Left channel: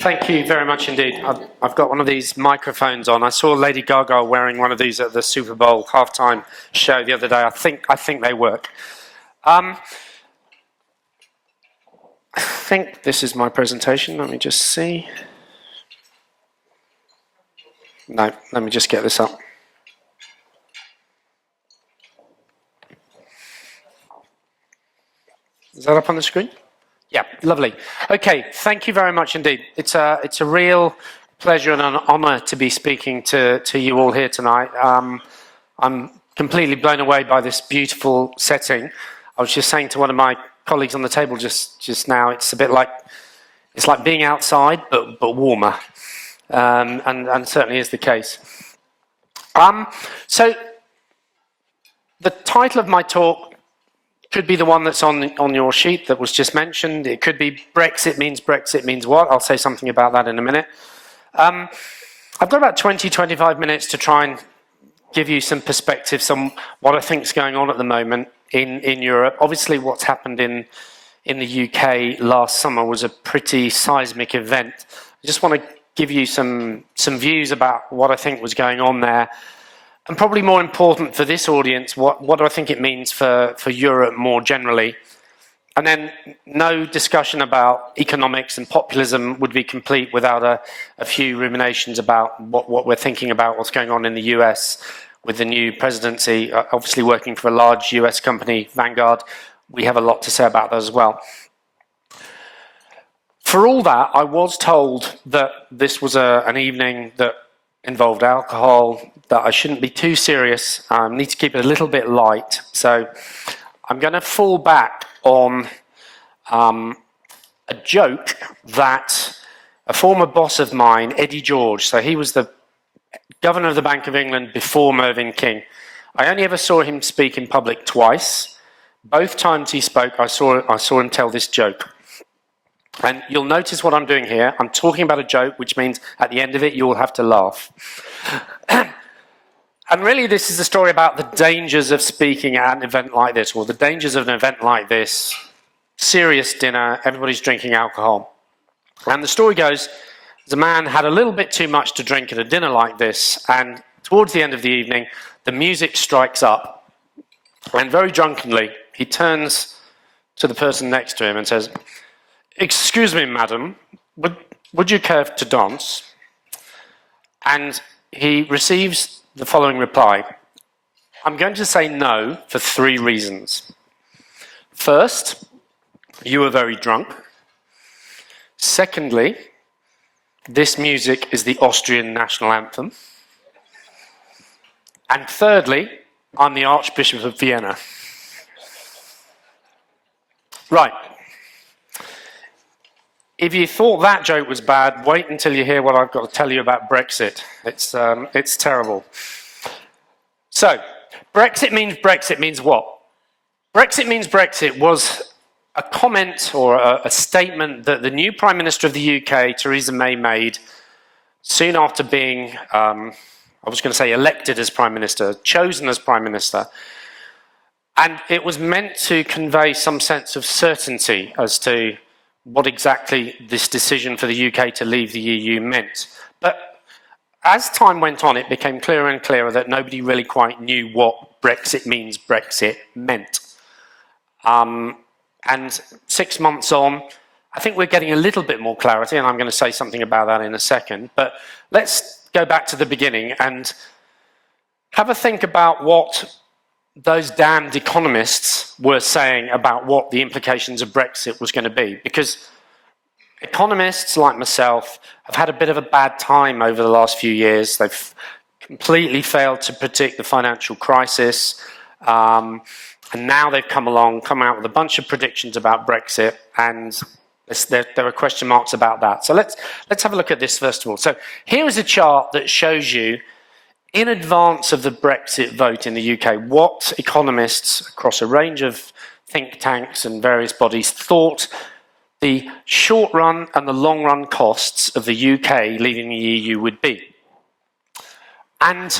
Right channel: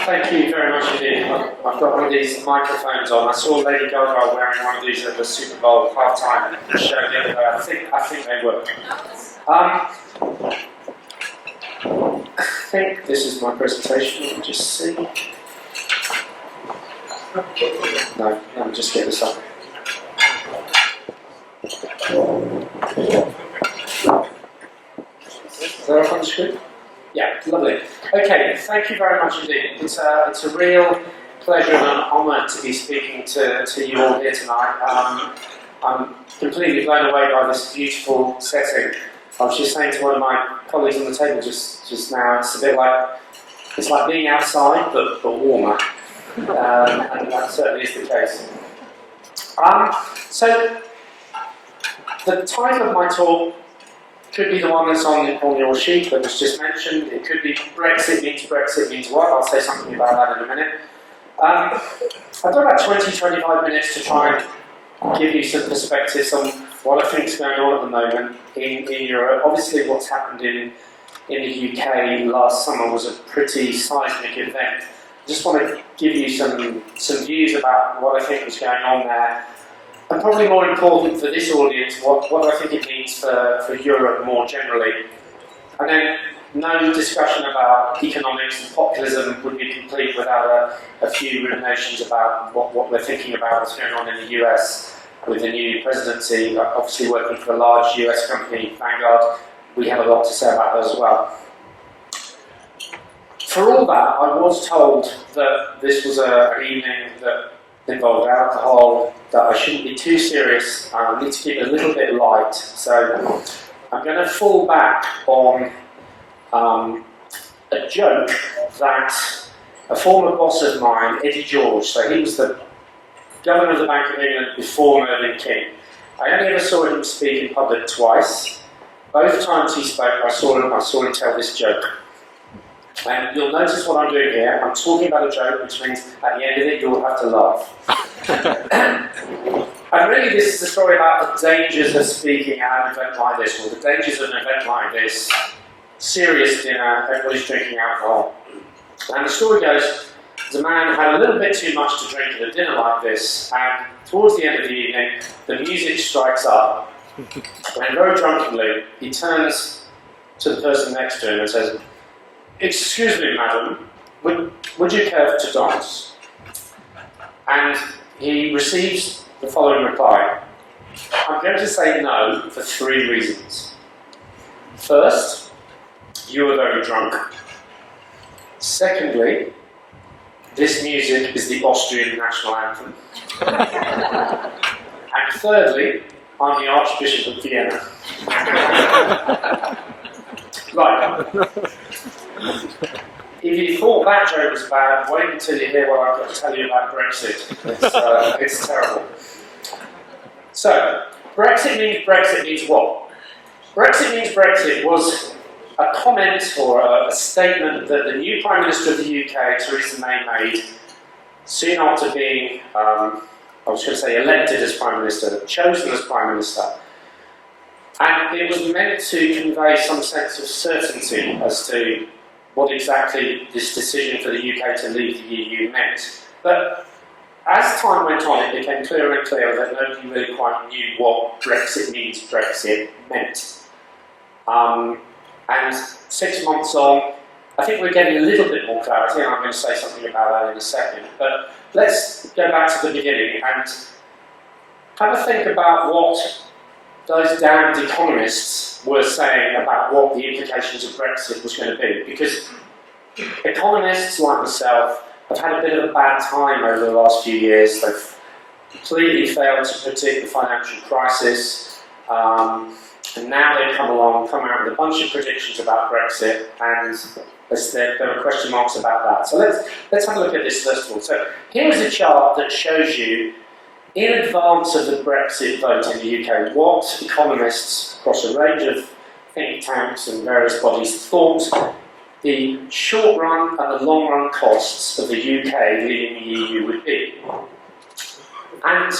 Thank you very much indeed. I've got one of these microphones on. I saw Lady Gaga wearing one of these at the Super Bowl halftime show the other day. I think they work. I think this is my presentation. Let me just see. No, let me just get this up. Is that up on the screen? Yeah, lovely. Okay, thank you very much indeed. It's a real pleasure and an honour to be speaking to you all here tonight. I'm completely blown away by this beautiful setting. I was just saying to one of my colleagues on the table just now, it's a bit like, it's like being outside but warmer, and certainly is the case. So the title of my talk could be the one that's on your sheet that was just mentioned. It could be Brexit means what? I'll say something about that in a minute. I've got about 20-25 minutes to try and give you some perspectives on what I think is going on at the moment in Europe. Obviously what's happened in the UK last summer was a pretty seismic event. I just want to give you some views about what I think was going on there. And probably more important for this audience, what do I think it means for Europe more generally? And then no discussion about economics and populism would be complete without a few ruminations about what we're thinking about, what's going on in the US with the new presidency. Obviously working for a large US company, Vanguard, we have a lot to say about that as well. For all that, I was told that this was an evening that involved alcohol, that I shouldn't be too serious. I need to keep it a little bit light. So I'm going to fall back on a joke that a former boss of mine, Eddie George, so he was the governor of the Bank of England before Mervyn King. I only ever saw him speak in public twice. Both times he spoke, I saw him tell this joke. And you'll notice what I'm doing here. I'm talking about a joke, which means at the end of it, you'll have to laugh. And really, this is a story about the dangers of speaking at an event like this, or the dangers of an event like this. Serious dinner, everybody's drinking alcohol. And the story goes, the man had a little bit too much to drink at a dinner like this, and towards the end of the evening, the music strikes up, and very drunkenly, he turns to the person next to him and says, "Excuse me, madam, would you care to dance?" And he receives the following reply. I'm going to say no for 3 reasons. First, you are very drunk. Secondly, this music is the Austrian national anthem. And thirdly, I'm the Archbishop of Vienna. Right. If you thought that joke was bad, wait until you hear what I've got to tell you about Brexit. It's terrible. So, Brexit means what? Brexit was a comment or a statement that the new Prime Minister of the UK, Theresa May, made soon after being, I was going to say elected as Prime Minister, chosen as Prime Minister. And it was meant to convey some sense of certainty as to what exactly this decision for the UK to leave the EU meant. But as time went on, it became clearer and clearer that nobody really quite knew what Brexit meant. And 6 months on, I think we're getting a little bit more clarity, and I'm going to say something about that in a second. But let's go back to the beginning and have a think about what those damned economists were saying about what the implications of Brexit was going to be. Because economists like myself have had a bit of a bad time over the last few years. They've completely failed to predict the financial crisis. And now they've come out with a bunch of predictions about Brexit, and there are question marks about that. So let's have a look at this first of all. So here is a chart that shows you, in advance of the Brexit vote in the UK, what economists across a range of think tanks and various bodies thought the short run and the long run costs of the UK leaving the EU would be. And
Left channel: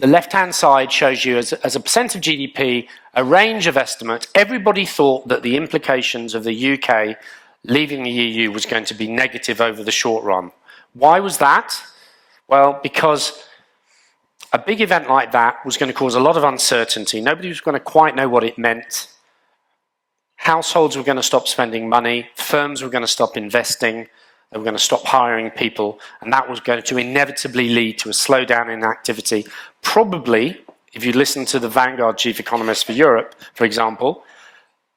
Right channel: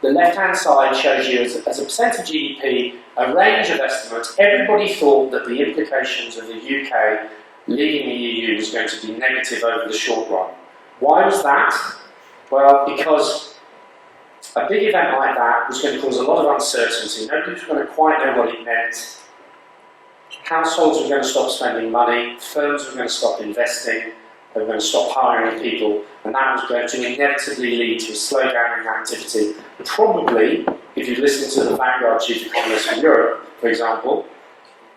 the left-hand side shows you, as a percent of GDP, a range of estimates. Everybody thought that the implications of the UK leaving the EU was going to be negative over the short run. Why was that? Well, because a big event like that was going to cause a lot of uncertainty. Nobody was going to quite know what it meant. Households were going to stop spending money, firms were going to stop investing, they were going to stop hiring people, and that was going to inevitably lead to a slowdown in activity. Probably, if you listen to the Vanguard chief economist for Europe, for example,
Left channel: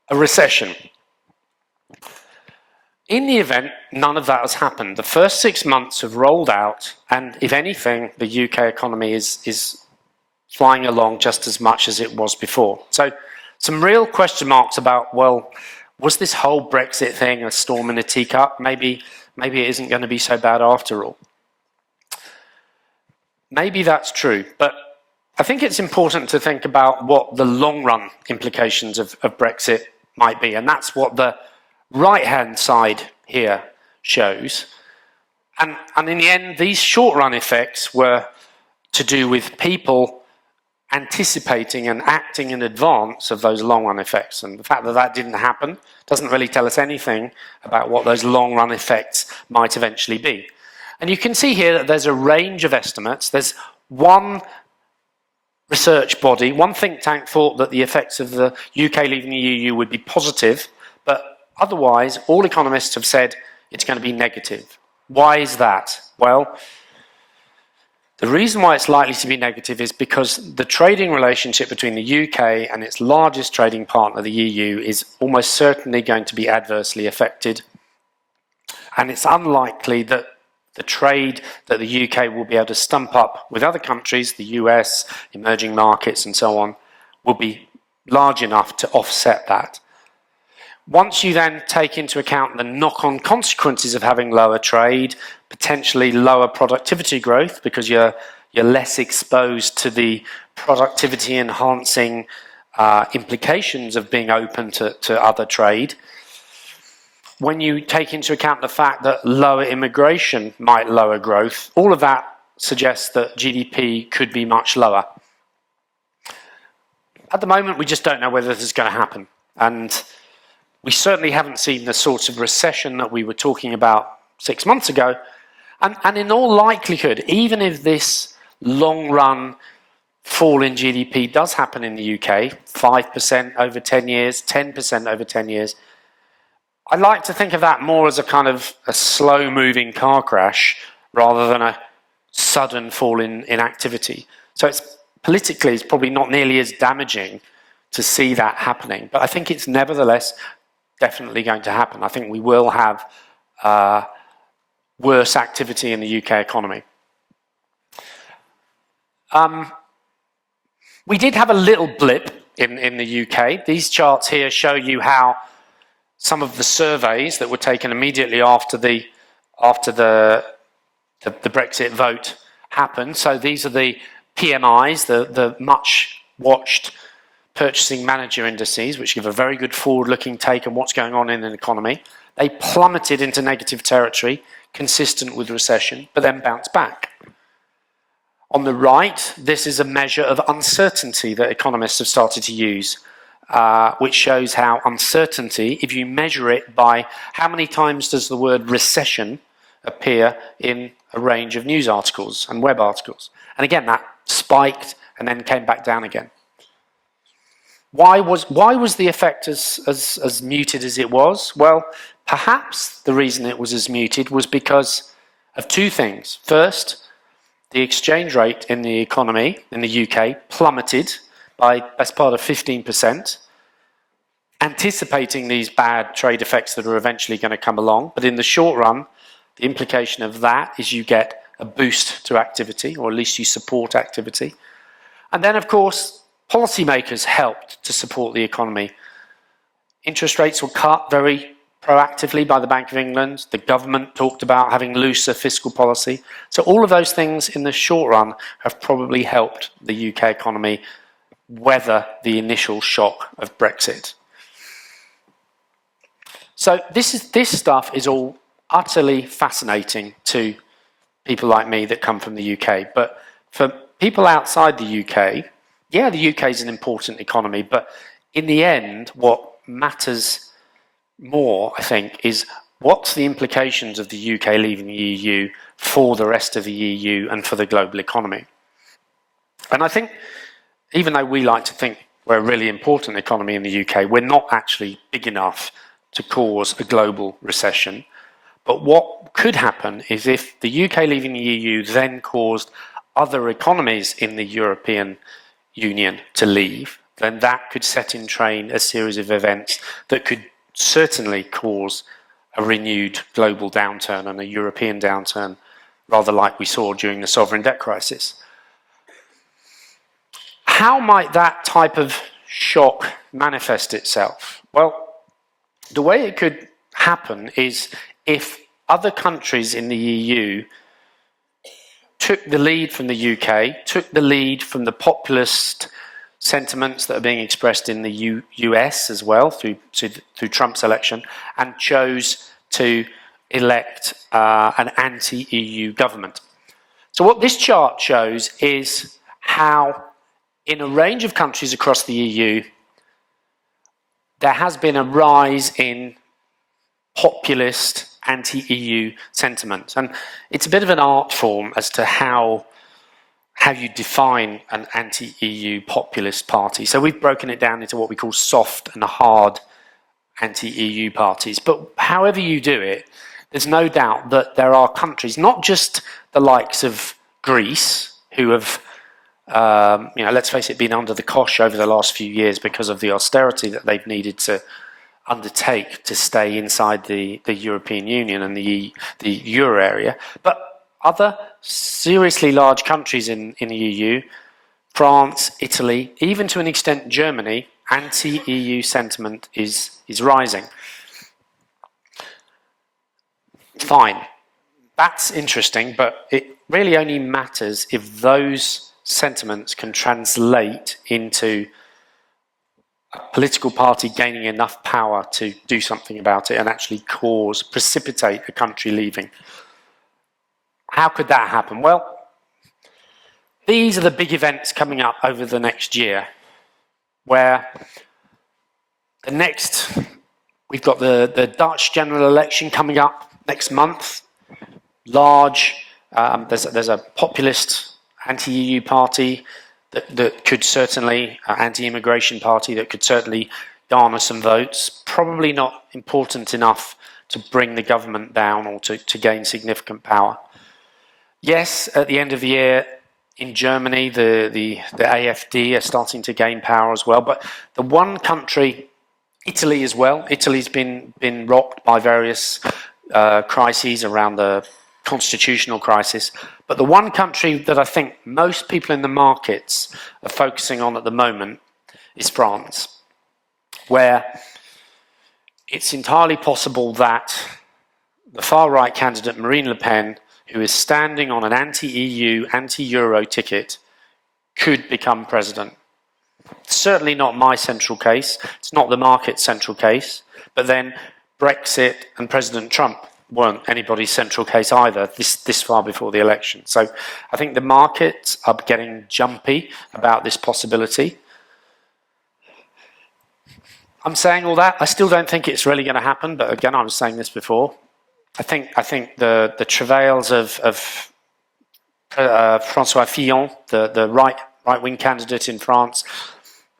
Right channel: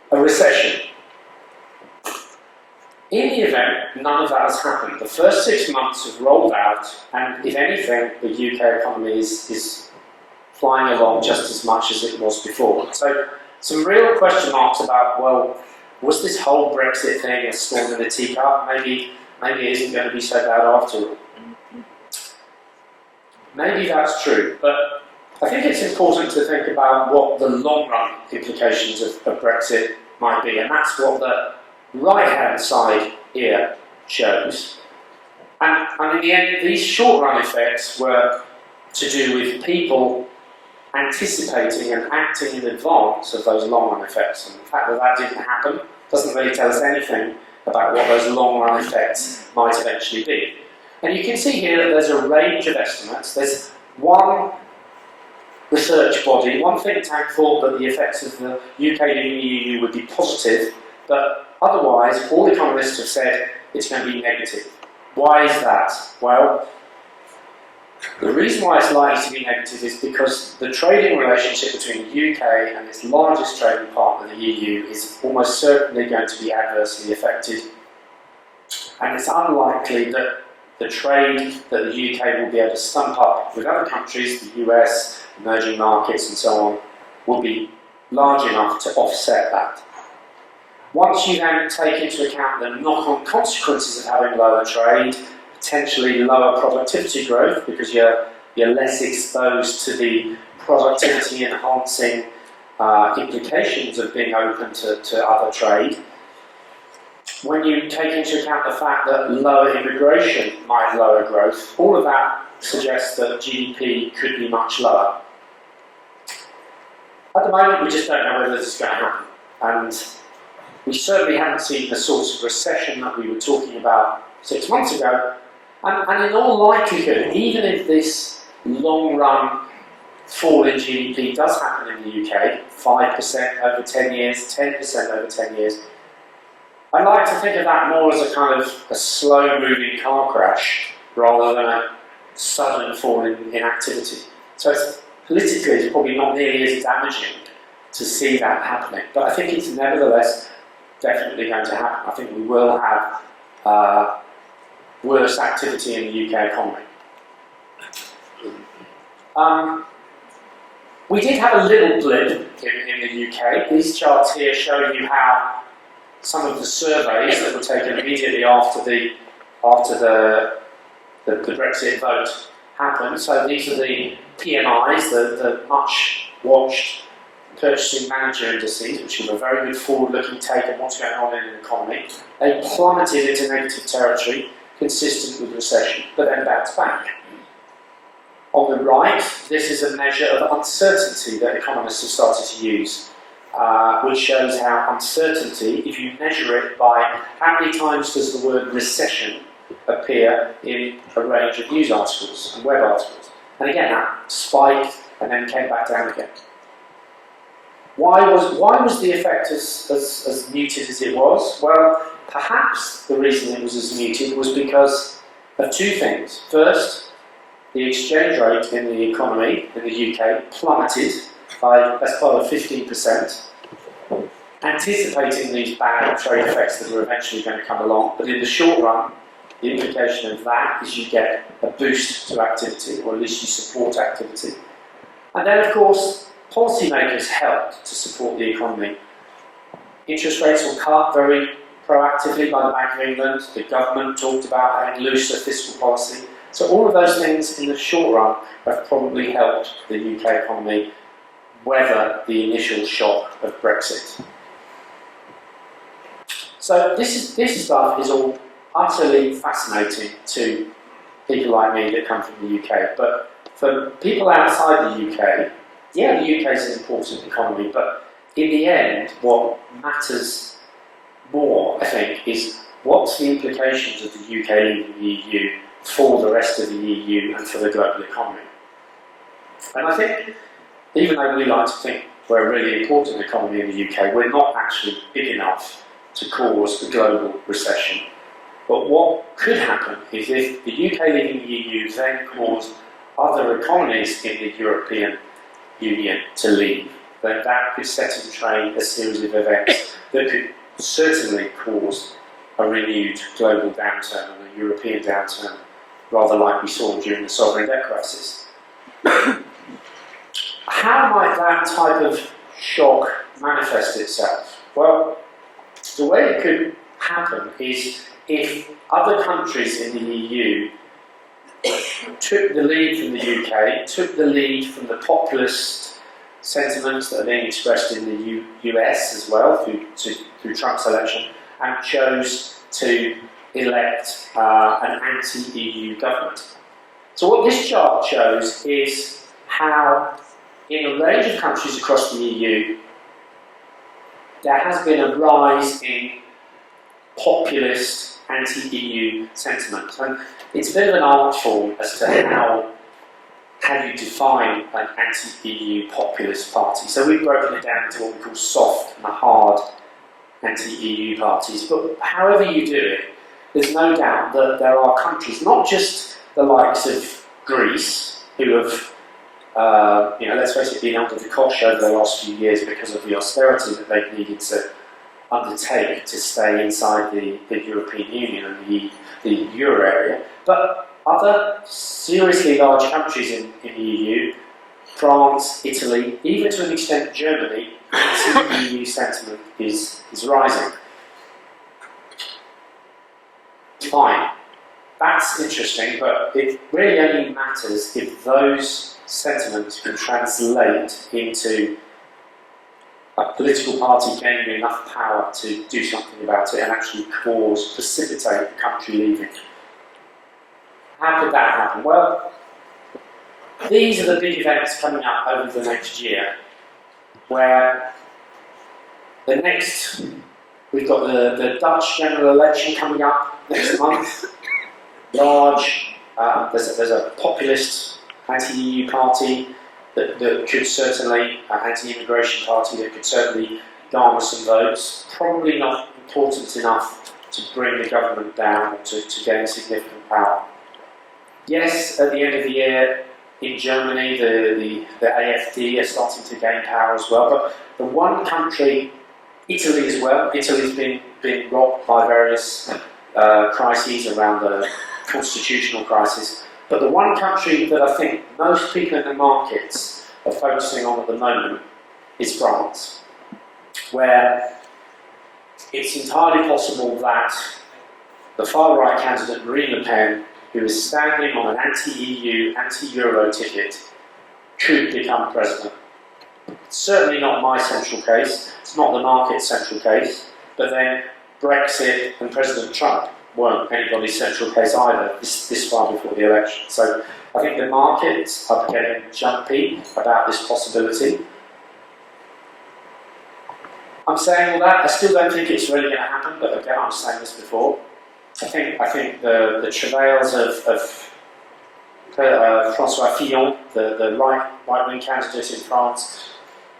a recession. In the event, none of that has happened. The first 6 months have rolled out, and if anything, the UK economy is flying along just as much as it was before. So, some real question marks about, well, was this whole Brexit thing a storm in a teacup? Maybe it isn't going to be so bad after all. Maybe that's true, but I think it's important to think about what the long-run implications of Brexit might be, and that's what the right-hand side here shows. And in the end, these short-run effects were to do with people anticipating and acting in advance of those long-run effects. And the fact that that didn't happen doesn't really tell us anything about what those long-run effects might eventually be. And you can see here that there's a range of estimates. There's one research body, one think tank thought that the effects of the UK leaving the EU would be positive, but otherwise, all economists have said it's going to be negative. Why is that? Well, the reason why it's likely to be negative is because the trading relationship between the UK and its largest trading partner, the EU, is almost certainly going to be adversely affected. And it's unlikely that the trade that the UK will be able to stump up with other countries, the US, emerging markets and so on, will be large enough to offset that. Once you then take into account the knock-on consequences of having lower trade, potentially lower productivity growth because you're less exposed to the productivity enhancing implications of being open to other trade. When you take into account the fact that lower immigration might lower growth, all of that suggests that GDP could be much lower. At the moment, we just don't know whether this is going to happen. And we certainly haven't seen the sort of recession that we were talking about 6 months ago. And in all likelihood, even if this long-run fall in GDP does happen in the UK, 5% over 10 years, 10% over 10 years, I'd like to think of that more as a kind of a slow-moving car crash rather than a sudden fall in activity. So politically, it's probably not nearly as damaging to see that happening. But I think it's nevertheless definitely going to happen. I think we will have worse activity in the UK economy. We did have a little blip in the UK. These charts here show you how some of the surveys that were taken immediately after the Brexit vote happened. So these are the PMIs, the much watched purchasing manager indices, which give a very good forward-looking take on what's going on in an economy. They plummeted into negative territory, consistent with recession, but then bounced back. On the right, this is a measure of uncertainty that economists have started to use, which shows how uncertainty, if you measure it by how many times does the word recession appear in a range of news articles and web articles. And again, that spiked and then came back down again. Why was the effect as muted as it was? Well, perhaps the reason it was as muted was because of two things. First, the exchange rate in the economy in the UK plummeted by as part of 15%, anticipating these bad trade effects that are eventually going to come along. But in the short run, the implication of that is you get a boost to activity, or at least you support activity. And then, of course, policymakers helped to support the economy. Interest rates were cut very proactively by the Bank of England. The government talked about having looser fiscal policy. So all of those things in the short run have probably helped the UK economy weather the initial shock of Brexit. So this stuff is all utterly fascinating to people like me that come from the UK. But for people outside the UK, yeah, the UK is an important economy, but in the end, what matters more, I think, is what's the implications of the UK leaving the EU for the rest of the EU and for the global economy? And I think, even though we like to think we're a really important economy in the UK, we're not actually big enough to cause a global recession. But what could happen is if the UK leaving the EU then caused other economies in the European Union to leave, then that could set in train a series of events that could certainly cause a renewed global downturn and a European downturn, rather like we saw during the sovereign debt crisis. How might that type of shock manifest itself? Well, the way it could happen is if other countries in the EU took the lead from the UK, took the lead from the populist sentiments that are being expressed in the US as well through Trump's election, and chose to elect an anti-EU government. So what this chart shows is how, in a range of countries across the EU, there has been a rise in populist anti-EU sentiment. And it's a bit of an art form as to how you define an anti-EU populist party. So we've broken it down into what we call soft and hard anti-EU parties. But however you do it, there's no doubt that there are countries, not just the likes of Greece, who have, let's face it, been under the cosh over the last few years because of the austerity that they've needed to undertake to stay inside the European Union and the euro area, but other seriously large countries in the EU, France, Italy, even to an extent Germany, anti-EU sentiment is rising. Fine, that's interesting, but it really only matters if those sentiments can translate into a political party gaining enough power to do something about it and actually precipitate a country leaving. How could that happen? Well, these are the big events coming up over the next year, where we've got the Dutch general election coming up next month. There's a populist anti-EU party that could certainly, anti-immigration party that could certainly garner some votes. Probably not important enough to bring the government down or to gain significant power. Yes, at the end of the year in Germany, the AfD are starting to gain power as well. But the one country, Italy as well, Italy's been rocked by various crises around the constitutional crisis. But the one country that I think most people in the markets are focusing on at the moment is France, where it's entirely possible that the far-right candidate Marine Le Pen, who is standing on an anti-EU, anti-Euro ticket, could become president. It's certainly not my central case, it's not the market's central case, but then Brexit and President Trump weren't anybody's central case either this far before the election. So I think the markets are getting jumpy about this possibility. I'm saying all that, I still don't think it's really going to happen, but again, I was saying this before. I think the travails of François Fillon, the right-wing candidate in France,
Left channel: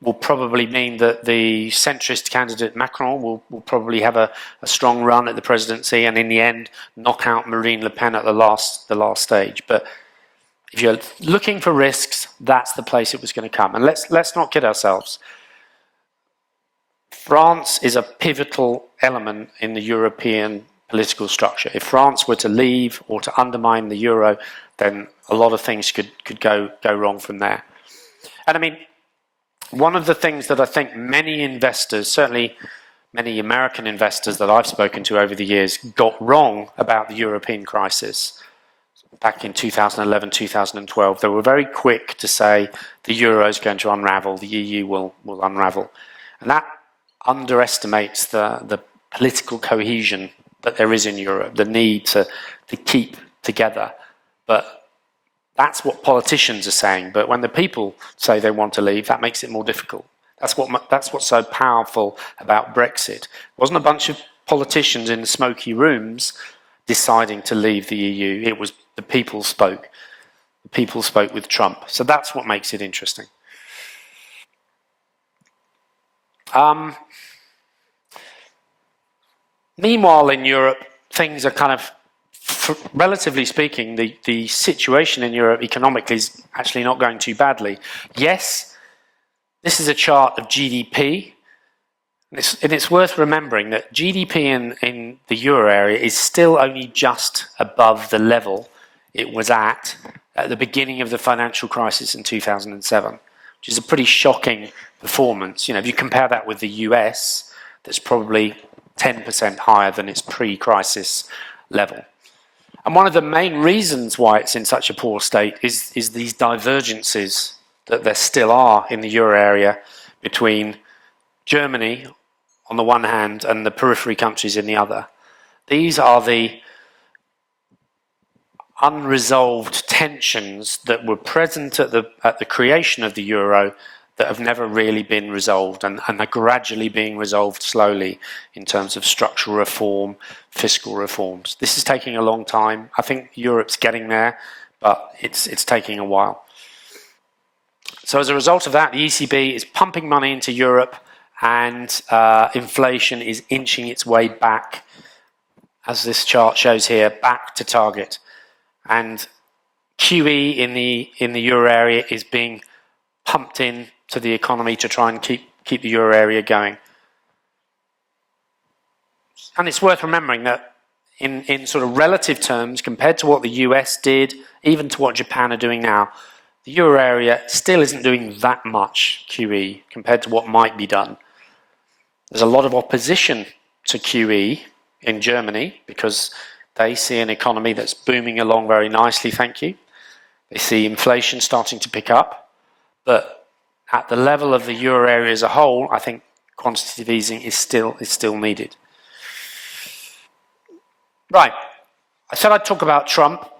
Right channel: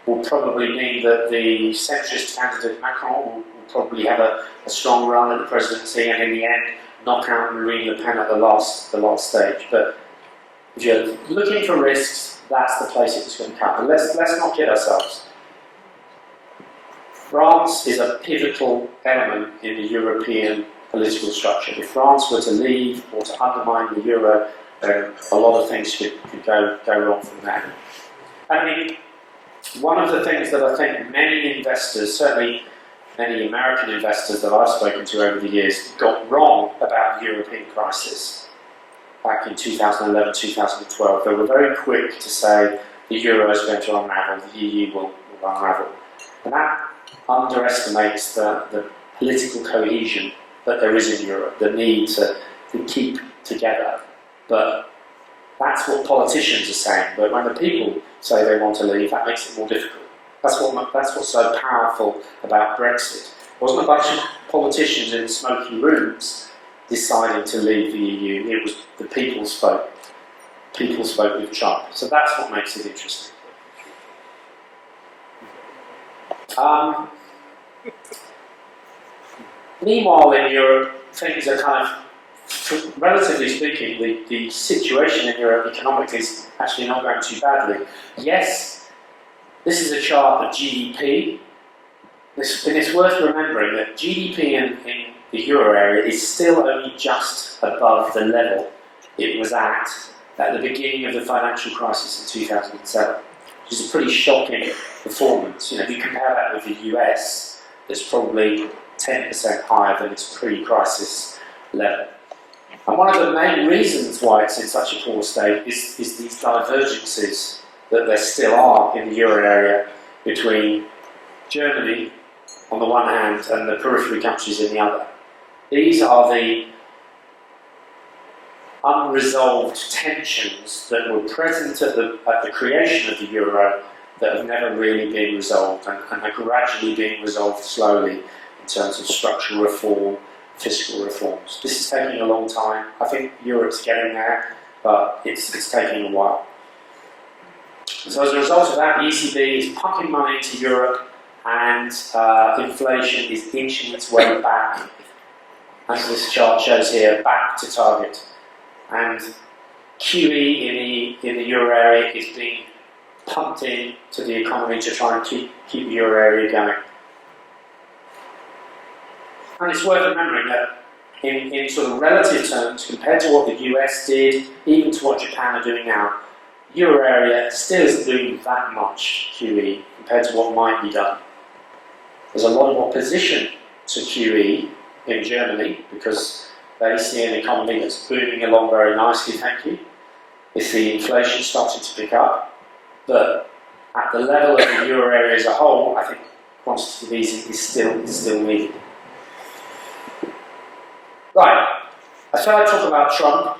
will probably mean that the centrist candidate Macron will probably have a strong run at the presidency and in the end knock out Marine Le Pen at the last stage. But if you're looking for risks, that's the place it was going to come. And let's not kid ourselves. France is a pivotal element in the European political structure. If France were to leave or to undermine the euro, then a lot of things could go wrong from there. And I mean, one of the things that I think many investors, certainly many American investors that I've spoken to over the years, got wrong about the European crisis back in 2011, 2012, they were very quick to say the euro is going to unravel, the EU will unravel. And that underestimates the political cohesion that there is in Europe, the need to keep together. But that's what politicians are saying, but when the people say they want to leave, that makes it more difficult. That's what's so powerful about Brexit. It wasn't a bunch of politicians in smoky rooms deciding to leave the EU. It was the people spoke. People spoke with Trump. So that's what makes it interesting. Meanwhile, in Europe, things are kind of, relatively speaking, the situation in Europe economically is actually not going too badly. Yes, this is a chart of GDP, and it's worth remembering that GDP in the euro area is still only just above the level it was at the beginning of the financial crisis in 2007, which is a pretty shocking performance. You know, if you compare that with the US, that's probably 10% higher than its pre-crisis level. And one of the main reasons why it's in such a poor state is these divergences that there still are in the euro area between Germany on the one hand and the periphery countries in the other. These are the unresolved tensions that were present at the creation of the euro that have never really been resolved and are gradually being resolved slowly in terms of structural reform, fiscal reforms. This is taking a long time. I think Europe's getting there, but it's taking a while. So as a result of that, the ECB is pumping money into Europe, and inflation is inching its way back, as this chart shows here, back to target. And QE in the euro area is being pumped in to the economy to try and keep the euro area going. And it's worth remembering that in sort of relative terms, compared to what the US did, even to what Japan are doing now, the euro area still isn't doing that much QE compared to what might be done. There's a lot of opposition to QE in Germany because they see an economy that's booming along very nicely, thank you. They see inflation starting to pick up, but at the level of the euro area as a whole, I think quantitative easing is still needed. Right, I said I'd talk about Trump.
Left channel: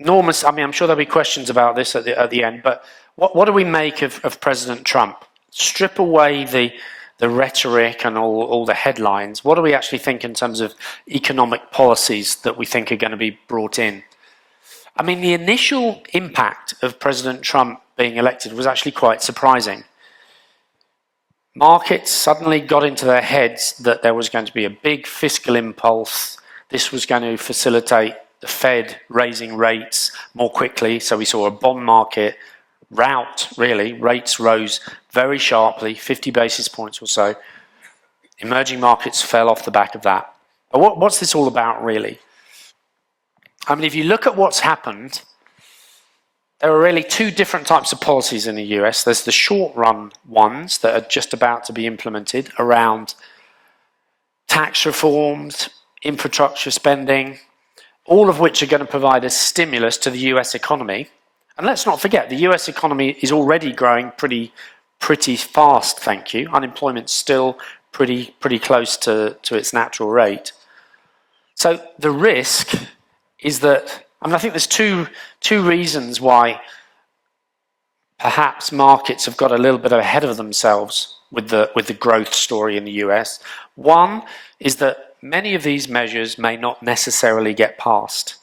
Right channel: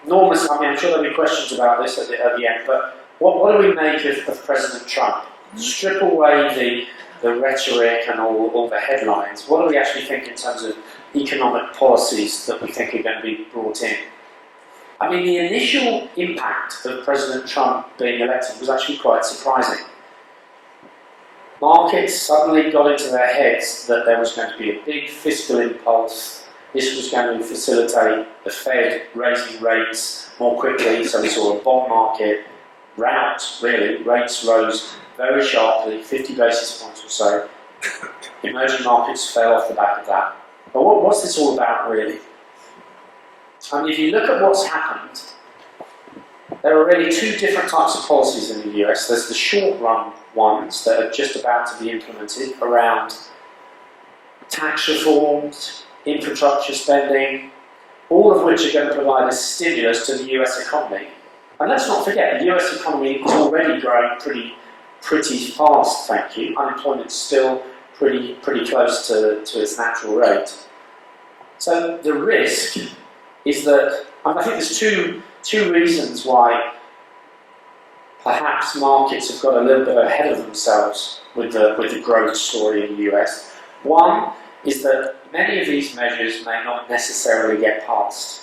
Enormous, I mean, I'm sure there'll be questions about this at the end, but what do we make of President Trump? Strip away the rhetoric and all the headlines. What do we actually think in terms of economic policies that we think are going to be brought in? I mean, the initial impact of President Trump being elected was actually quite surprising. Markets suddenly got into their heads that there was going to be a big fiscal impulse. This was going to facilitate the Fed raising rates more quickly, so we saw a bond market rout, really. Rates rose very sharply, 50 basis points or so. Emerging markets fell off the back of that. But what's this all about, really? I mean, if you look at what's happened, there are really two different types of policies in the US. There's the short-run ones that are just about to be implemented around tax reforms, infrastructure spending, all of which are going to provide a stimulus to the US economy. And let's not forget, the US economy is already growing pretty fast, thank you. Unemployment's still pretty close to its natural rate. So the risk is that, I think there's two reasons why perhaps markets have got a little bit ahead of themselves with the growth story in the US. One is that many of these measures may not necessarily get passed.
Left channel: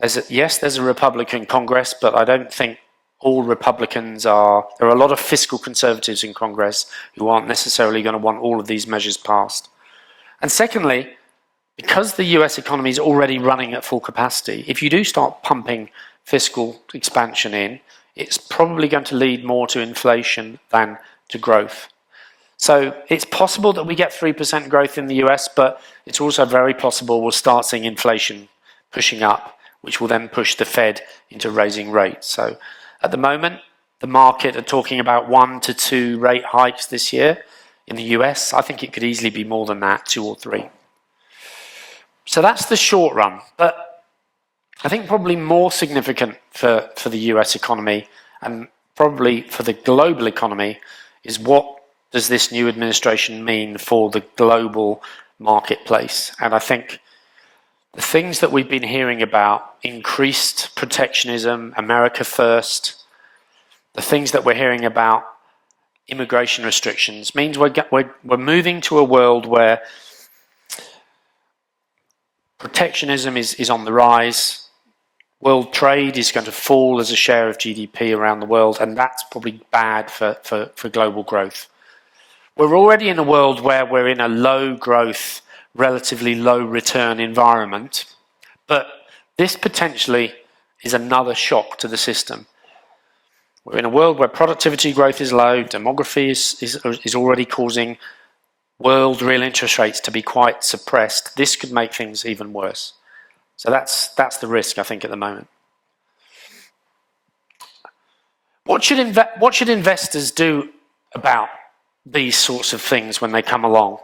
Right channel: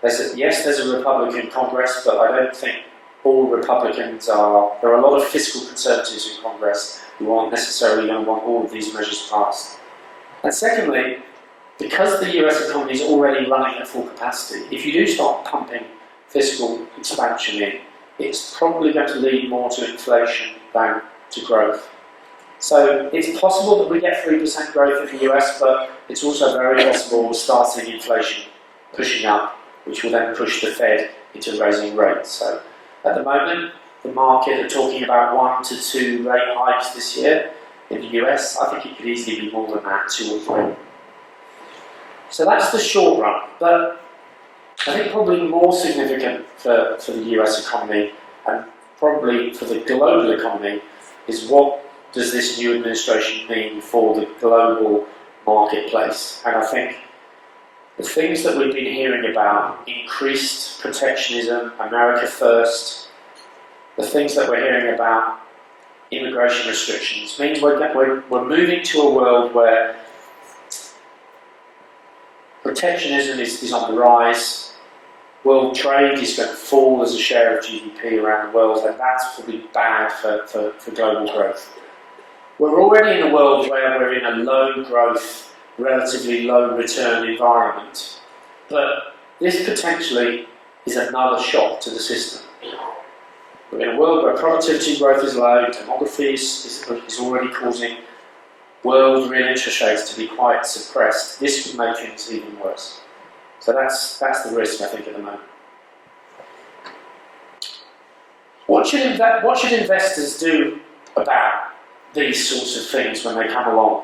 There's a Republican Congress, but I don't think all Republicans are. There are a lot of fiscal conservatives in Congress who aren't necessarily going to want all of these measures passed. And secondly, because the US economy is already running at full capacity, if you do start pumping fiscal expansion in, it's probably going to lead more to inflation than to growth. So it's possible that we get 3% growth in the US, but it's also very possible we'll start seeing inflation pushing up, which will then push the Fed into raising rates. So at the moment, the market are talking about 1 to 2 rate hikes this year. In the US, I think it could easily be more than that, 2 or 3. So that's the short run. But I think probably more significant for the US economy and probably for the global economy is what does this new administration mean for the global marketplace? And I think the things that we've been hearing about, increased protectionism, America first, the things that we're hearing about immigration restrictions means we're moving to a world where protectionism is on the rise. World trade is going to fall as a share of GDP around the world, and that's probably bad for global growth. We're already in a world where we're in a low growth, relatively low return environment, but this potentially is another shock to the system. We're in a world where productivity growth is low, demography is already causing world real interest rates to be quite suppressed. This could make things even worse. So that's the risk, I think, at the moment. What should investors do about these sorts of things when they come along?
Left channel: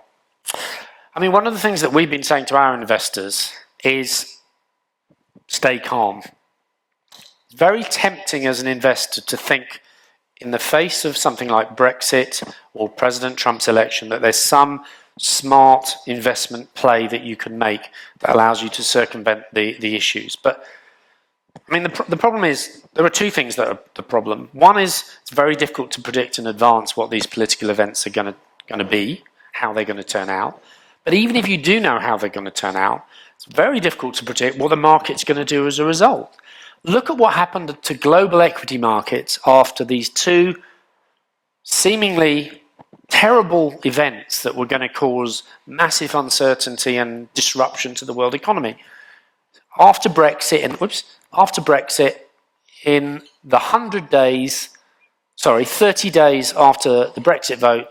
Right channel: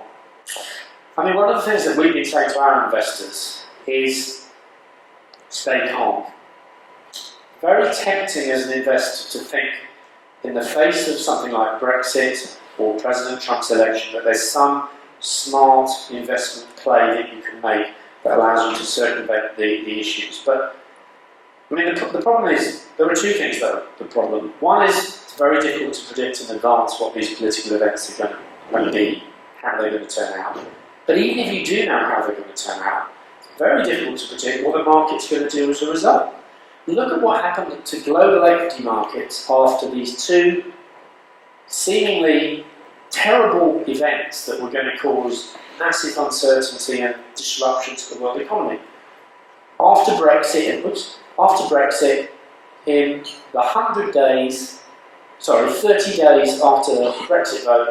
I mean, one of the things that we've been saying to our investors is stay calm. It's very tempting as an investor to think, in the face of something like Brexit or President Trump's election, that there's some smart investment play that you can make that allows you to circumvent the issues. But I mean, the problem is, there are two things that are the problem. One is, it's very difficult to predict in advance what these political events are going to be, how they're going to turn out. But even if you do know how they're going to turn out, it's very difficult to predict what the market's going to do as a result. Look at what happened to global equity markets after these two seemingly terrible events that were going to cause massive uncertainty and disruption to the world economy. After Brexit, in the 30 days after the Brexit vote,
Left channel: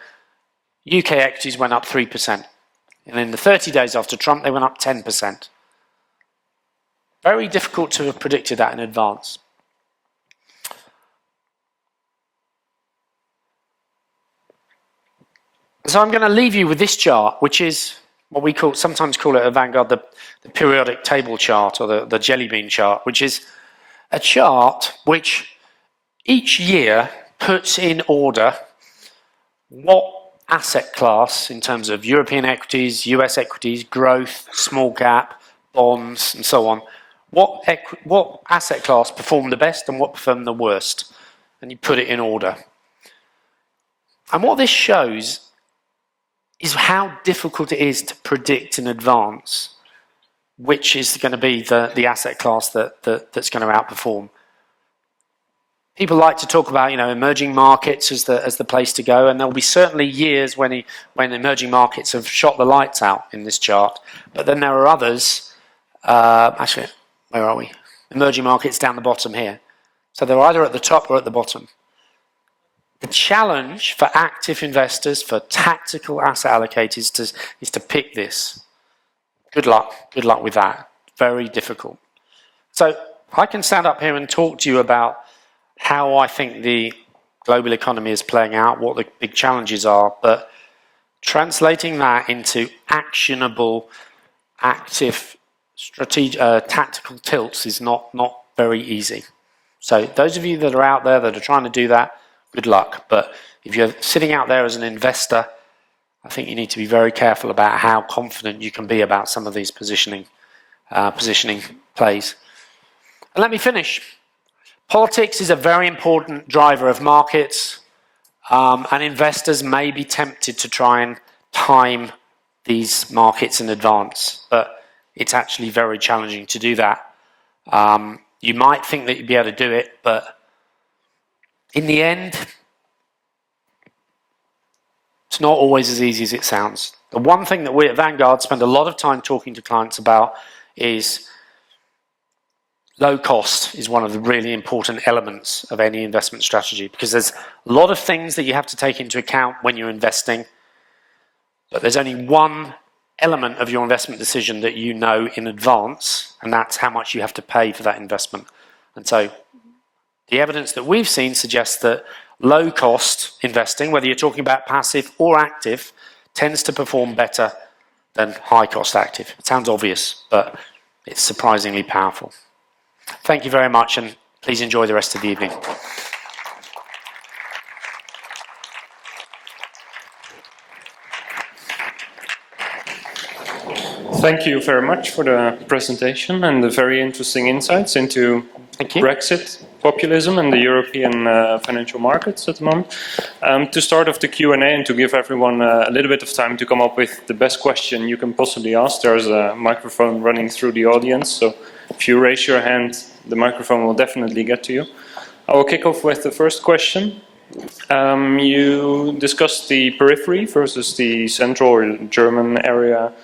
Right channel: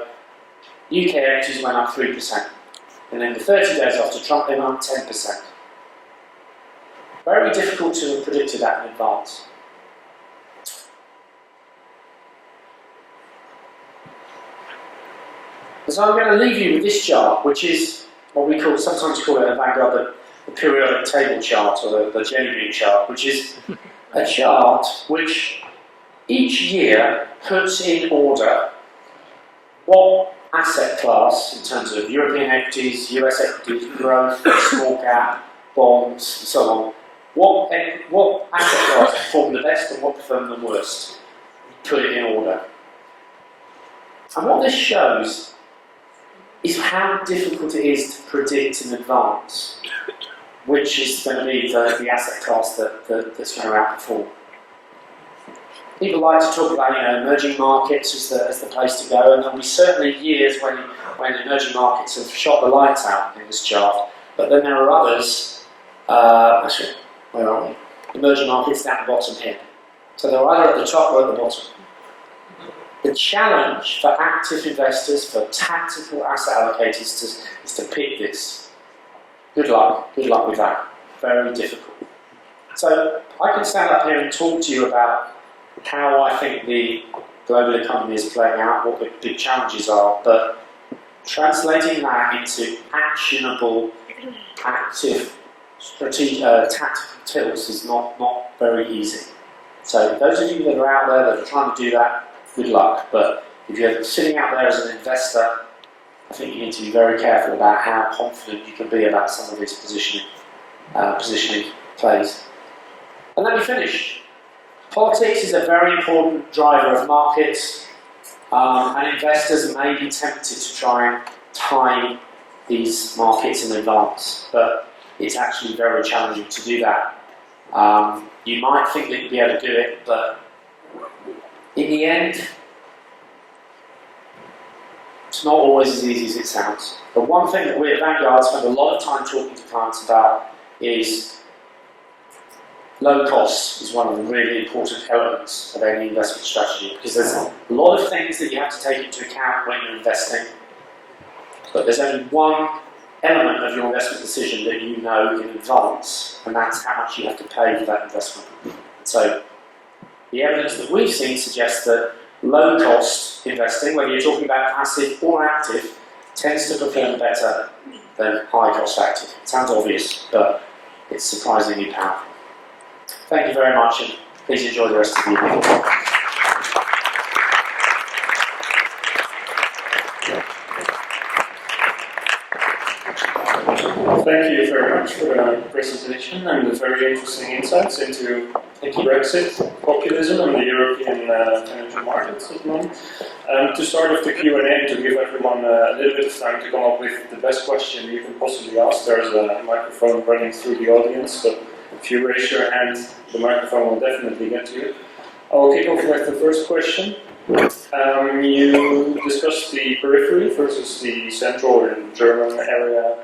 UK equities went up 3%. And in the 30 days after Trump, they went up 10%. Very difficult to have predicted that in advance. So I'm going to leave you with this chart, which is what we sometimes call it at Vanguard the periodic table chart, or the jelly bean chart, which is a chart which each year puts in order what asset class, in terms of European equities, US equities, growth, small cap, bonds, and so on, what asset class performed the best and what performed the worst, and you put it in order. And what this shows is how difficult it is to predict in advance which is going to be the asset class that's going to outperform. People like to talk about, emerging markets as the place to go, and there'll be certainly years when emerging markets have shot the lights out in this chart. But then there are others. Actually, where are we? Emerging markets down the bottom here. So they're either at the top or at the bottom. The challenge for active investors, for tactical asset allocators, is to pick this. Good luck with that. Very difficult. So I can stand up here and talk to you about how I think the global economy is playing out, what the big challenges are, but translating that into actionable, active, tactical tilts is not very easy. So those of you that are out there that are trying to do that, good luck. But if you're sitting out there as an investor, I think you need to be very careful about how confident you can be about some of these positioning plays. And let me finish. Politics is a very important driver of markets, and investors may be tempted to try and time these markets in advance, but it's actually very challenging to do that. You might think that you'd be able to do it, but in the end, it's not always as easy as it sounds. The one thing that we at Vanguard spend a lot of time talking to clients about is low cost is one of the really important elements of any investment strategy, because there's a lot of things that you have to take into account when you're investing, but there's only one element of your investment decision that you know in advance, and that's how much you have to pay for that investment. And so the evidence that we've seen suggests that low cost investing, whether you're talking about passive or active, tends to perform better than high cost active. It sounds obvious, but it's surprisingly powerful. Thank you very much, and please enjoy the rest of the evening. Thank Thank you very much for the presentation and the very interesting insights into Brexit, populism and the European financial markets at the moment. To start off the Q&A and to give everyone a little bit of time to come up with the best question you can possibly ask, there's a microphone running through the audience, so if you raise your hand, the microphone will definitely get to you. I will kick off with the first question. You discussed the periphery versus the central or German area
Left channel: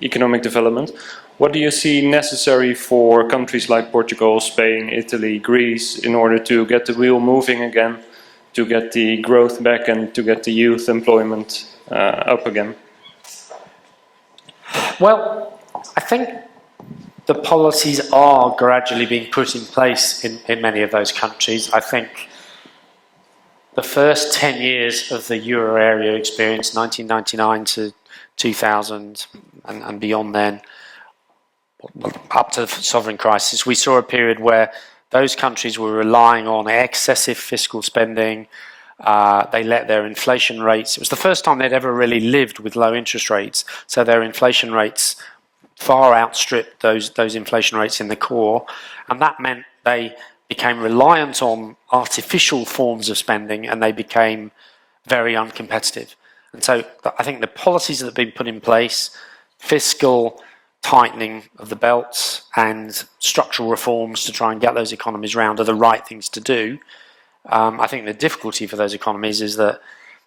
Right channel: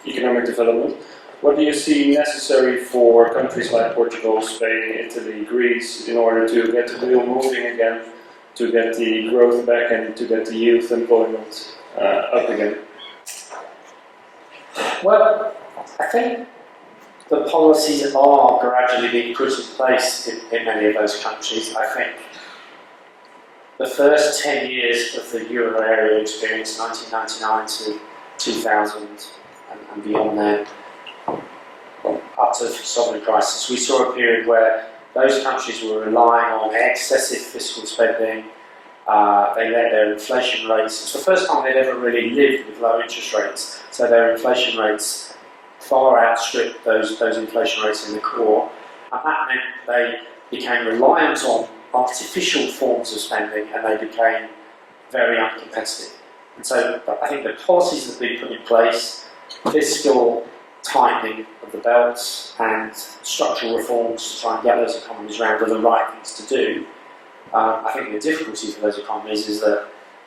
economic development. What do you see necessary for countries like Portugal, Spain, Italy, Greece in order to get the wheel moving again, to get the growth back and to get the youth employment up again? Well, I think the policies are gradually being put in place in many of those countries. I think the first 10 years of the euro area experience, 1999 to 2000 and beyond then, up to the sovereign crisis, we saw a period where those countries were relying on excessive fiscal spending. They let their inflation rates, it was the first time they'd ever really lived with low interest rates, so their inflation rates far outstripped those inflation rates in the core, and that meant they became reliant on artificial forms of spending and they became very uncompetitive. And so I think the policies that have been put in place, fiscal tightening of the belts and structural reforms to try and get those economies round, are the right things to do. I think the difficulty for those economies is that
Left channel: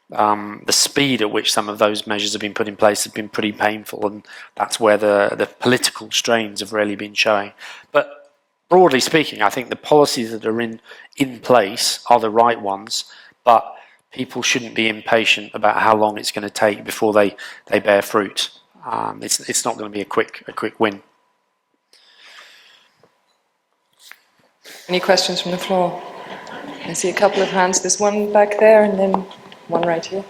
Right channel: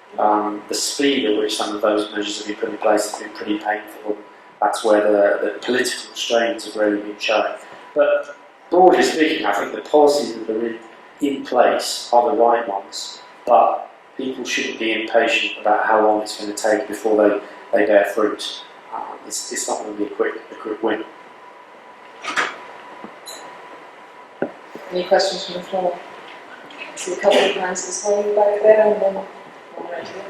the speed at which some of those measures have been put in place have been pretty painful, and that's where the political strains have really been shown. But broadly speaking, I think the policies that are in place are the right ones, but people shouldn't be impatient about how long it's going to take before they bear fruit. It's not going to be a quick win. Any questions from the floor? I see a couple of hands. There's one back there and then one right here.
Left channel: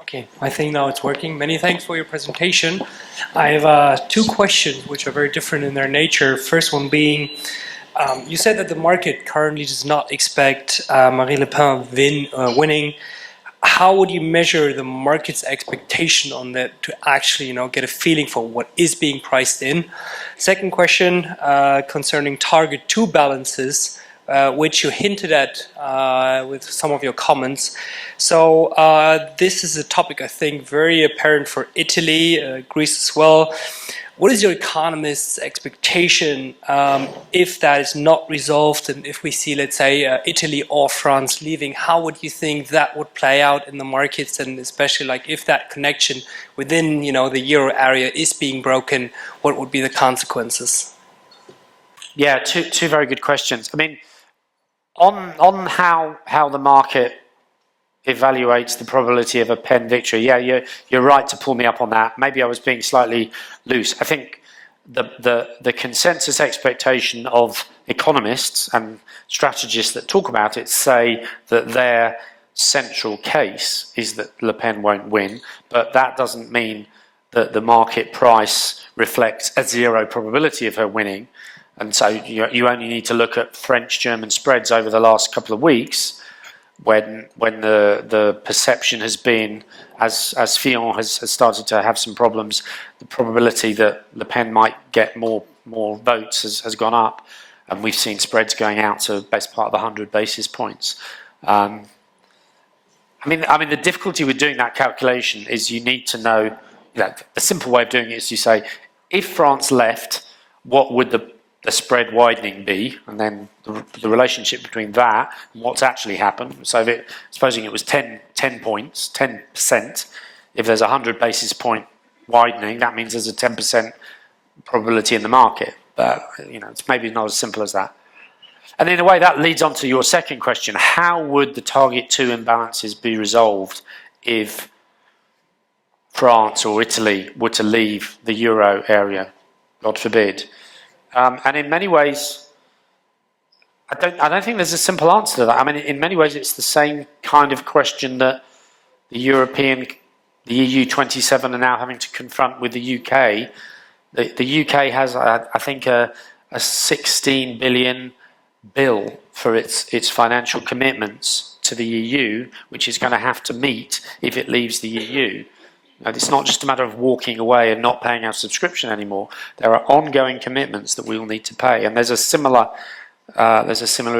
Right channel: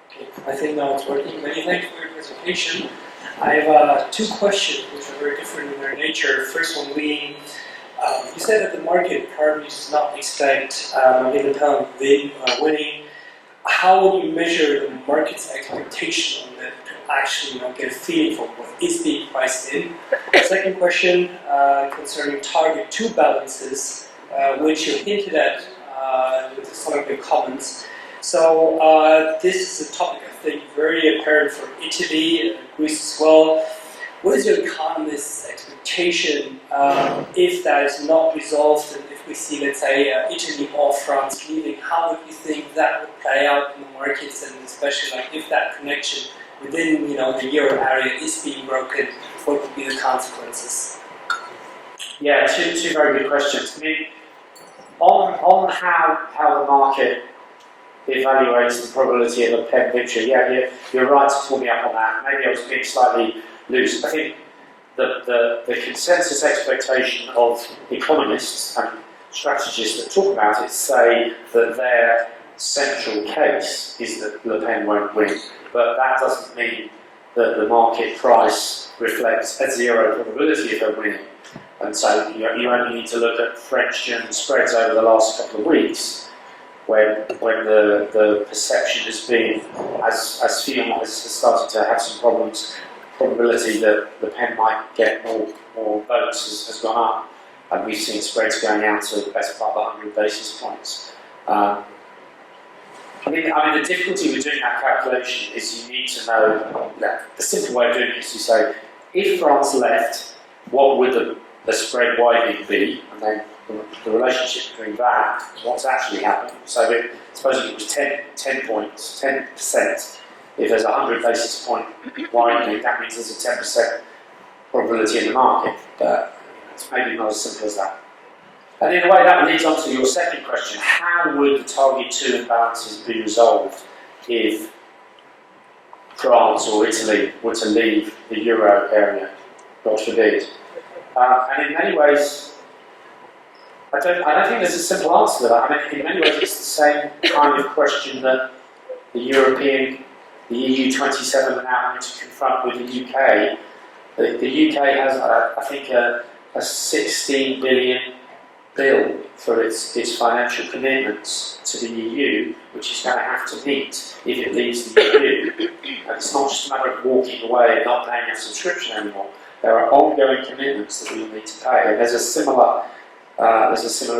Okay, I think now it's working. Many thanks for your presentation. I have two questions which are very different in their nature. First one being, you said that the market currently does not expect Marine Le Pen winning. How would you measure the market's expectation on that to actually, get a feeling for what is being priced in? Second question concerning target 2 balances, which you hinted at with some of your comments. So this is a topic I think very apparent for Italy, Greece as well. What is your economist's expectation if that is not resolved, and if we see, let's say, Italy or France leaving? How would you think that would play out in the markets, and especially like if that connection within the euro area is being broken, what would be the consequences? Yeah, two very good questions. I mean, on how the market evaluates the probability of a Pen victory, yeah, you're right to pull me up on that. Maybe I was being slightly loose. I think the consensus expectation of economists and strategists that talk about it say that their central case is that Le Pen won't win, but that doesn't mean that the market price reflects a zero probability of her winning. And so you only need to look at French-German spreads over the last couple of weeks when the perception has been, as Fillon has started to have some problems, the probability that Le Pen might get more votes has gone up, and we've seen spreads going out to the best part of 100 basis points. I mean, the difficulty with doing that calculation is you need to know that the simple way of doing it is you say, if France left, what would the spread widening be, and then the relationship between that and what's actually happened. So supposing it was 10 points, 10%, if there's a 100 basis point widening, that means there's a 10% probability in the market. It's maybe not as simple as that. And in a way that leads on to your second question, how would the target 2 imbalances be resolved if France or Italy were to leave the euro area, God forbid? And in many ways, I don't think there's a simple answer to that. I mean, in many ways, it's the same kind of question that the EU 27 are now having to confront with the UK. The UK has, I think, a 16 billion bill for its financial commitments to the EU, which it's going to have to meet if it leaves the EU. And it's not just a matter of walking away and not paying our subscription anymore. There are ongoing commitments that we will need to pay, and there's a similar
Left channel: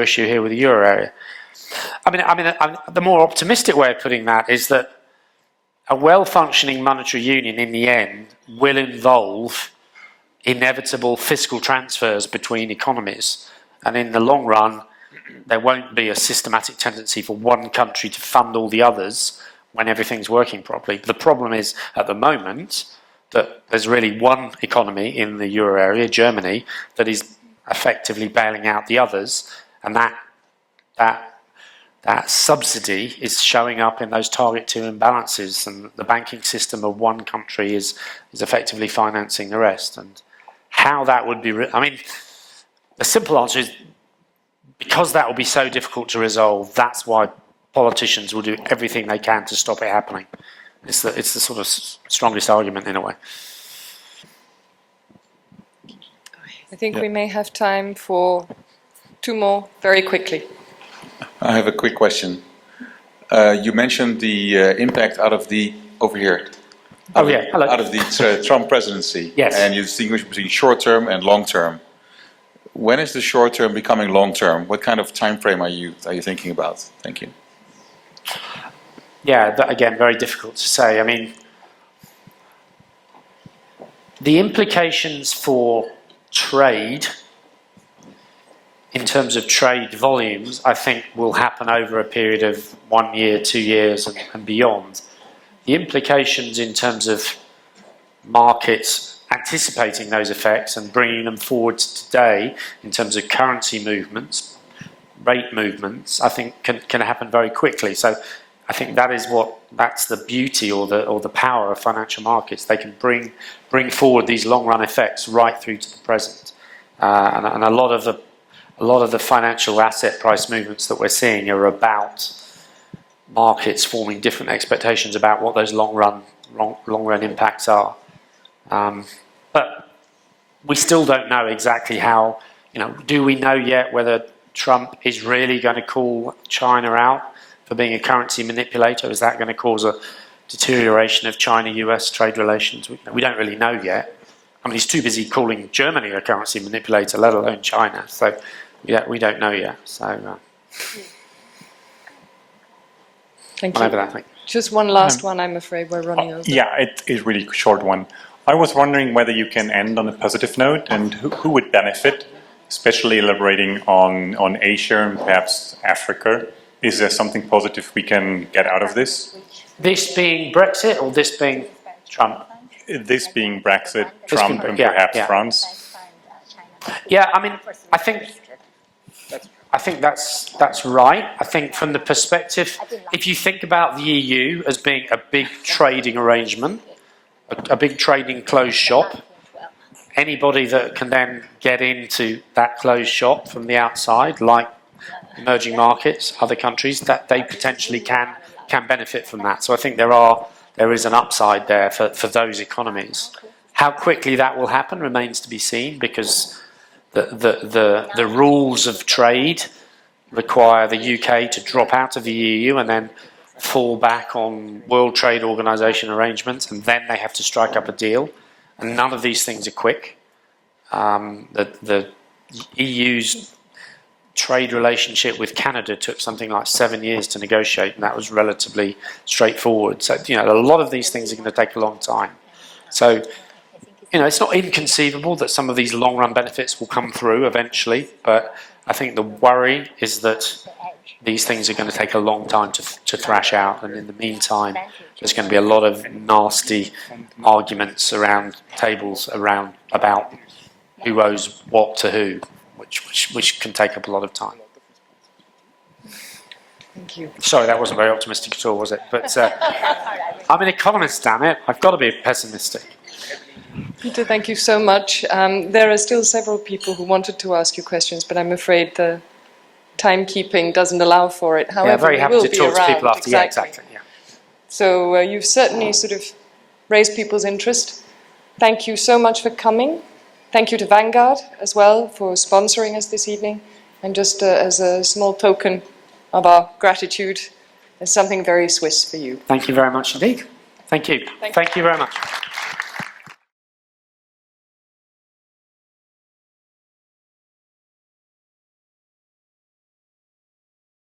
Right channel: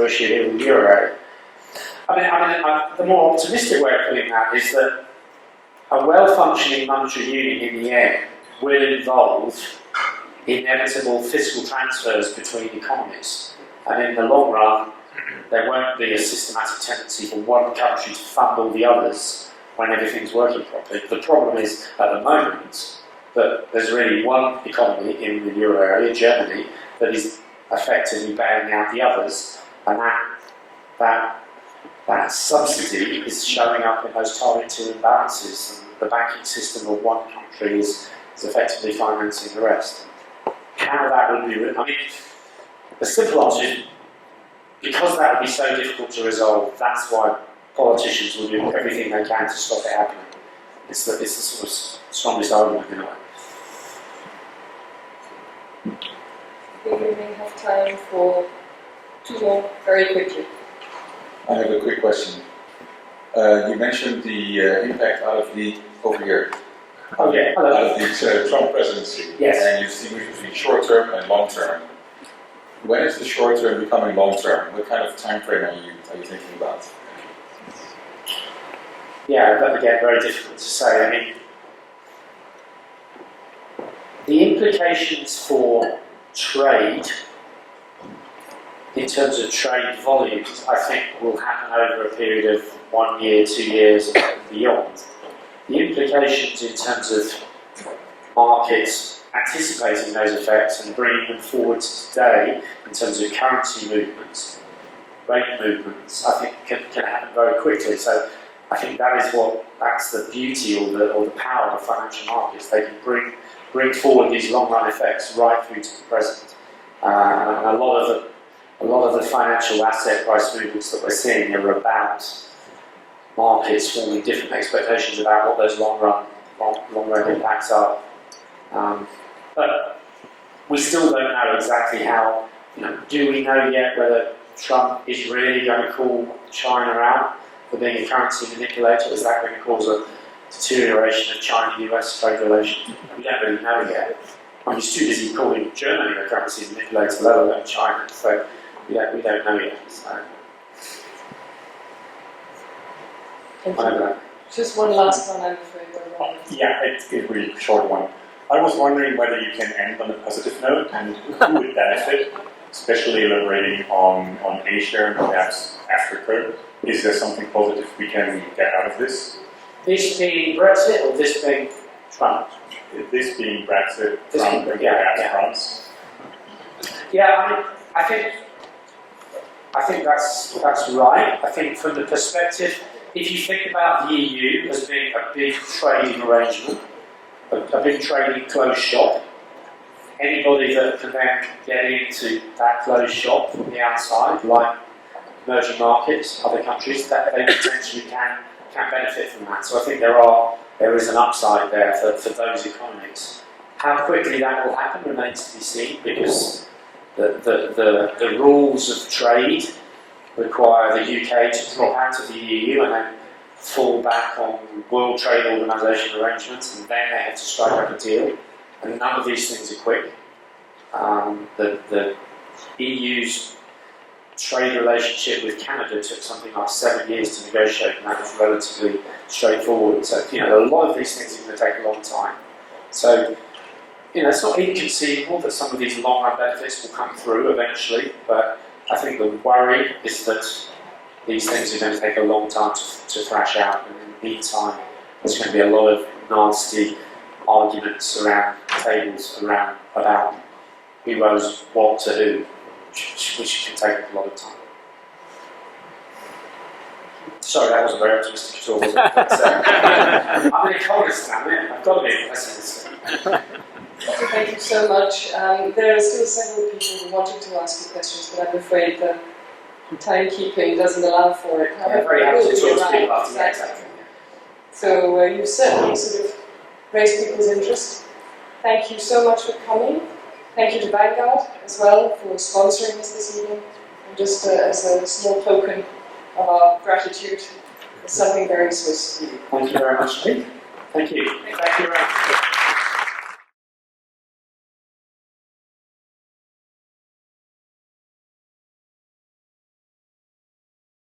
issue here with the euro area. The more optimistic way of putting that is that a well-functioning monetary union in the end will involve inevitable fiscal transfers between economies, and in the long run there won't be a systematic tendency for one country to fund all the others when everything's working properly. The problem is at the moment that there's really one economy in the euro area, Germany, that is effectively bailing out the others, and that subsidy is showing up in those target 2 imbalances, and the banking system of one country is effectively financing the rest. And how that would be, the simple answer is because that would be so difficult to resolve. That's why politicians will do everything they can to stop it happening. It's the sort of strongest argument in a way. I think we may have time for 2 more very quickly. I have a quick question. You mentioned the impact out of the out of the Trump presidency. Yes. And you distinguish between short term and long term. When is the short term becoming long term? What kind of time frame are you thinking about? Thank you. Yeah, that, again, very difficult to say. The implications for trade, in terms of trade volumes, I think will happen over a period of 1 year, 2 years and beyond. The implications in terms of markets anticipating those effects and bringing them forward to today in terms of currency movements, rate movements, I think can happen very quickly. So I think that's the beauty or the power of financial markets. They can bring forward these long-run effects right through to the present. And a lot of the financial asset price movements that we're seeing are about markets forming different expectations about what those long-run impacts are. But we still don't know exactly how. Do we know yet whether Trump is really going to call China out for being a currency manipulator? Is that going to cause a deterioration of China-US trade relations? We don't really know yet. He's too busy calling Germany a currency manipulator, let alone China. So we don't know yet. So thank you. Just one last one, I'm afraid we're running over. Yeah, it is really a short one. I was wondering whether you can end on a positive note, and who would benefit, especially elaborating on Asia and perhaps Africa. Is there something positive we can get out of this? This being Brexit or this being Trump? This being Brexit, Trump, and perhaps France. Yeah, I think that's right. I think from the perspective, if you think about the EU as being a big trading arrangement, a big trading closed shop, anybody that can then get into that closed shop from the outside, like emerging markets, other countries, that they potentially can benefit from that. So I think there is an upside there for those economies. How quickly that will happen remains to be seen, because the rules of trade require the UK to drop out of the EU and then fall back on World Trade Organization arrangements, and then they have to strike up a deal. And none of these things are quick. The EU's trade relationship with Canada took something like 7 years to negotiate, and that was relatively straightforward. So, a lot of these things are going to take a long time. So, it's not inconceivable that some of these long-run benefits will come through eventually, but I think the worry is that these things are going to take a long time to thrash out, and in the meantime, there's going to be a lot of nasty arguments around tables about who owes what to who, which can take up a lot of time. Thank you. Sorry, that wasn't very optimistic at all, was it? But I'm an economist, damn it. I've got to be pessimistic. Peter, thank you so much. There are still several people who wanted to ask you questions, but I'm afraid the timekeeping doesn't allow for it. However, very happy to talk to people after. Exactly. Yeah, exactly. Yeah. So you've certainly sort of raised people's interest. Thank you so much for coming. Thank you to Vanguard as well for sponsoring us this evening. And just as a small token, of our gratitude. There's something very Swiss for you. Thank you very much indeed. Thank you. Thank you very much.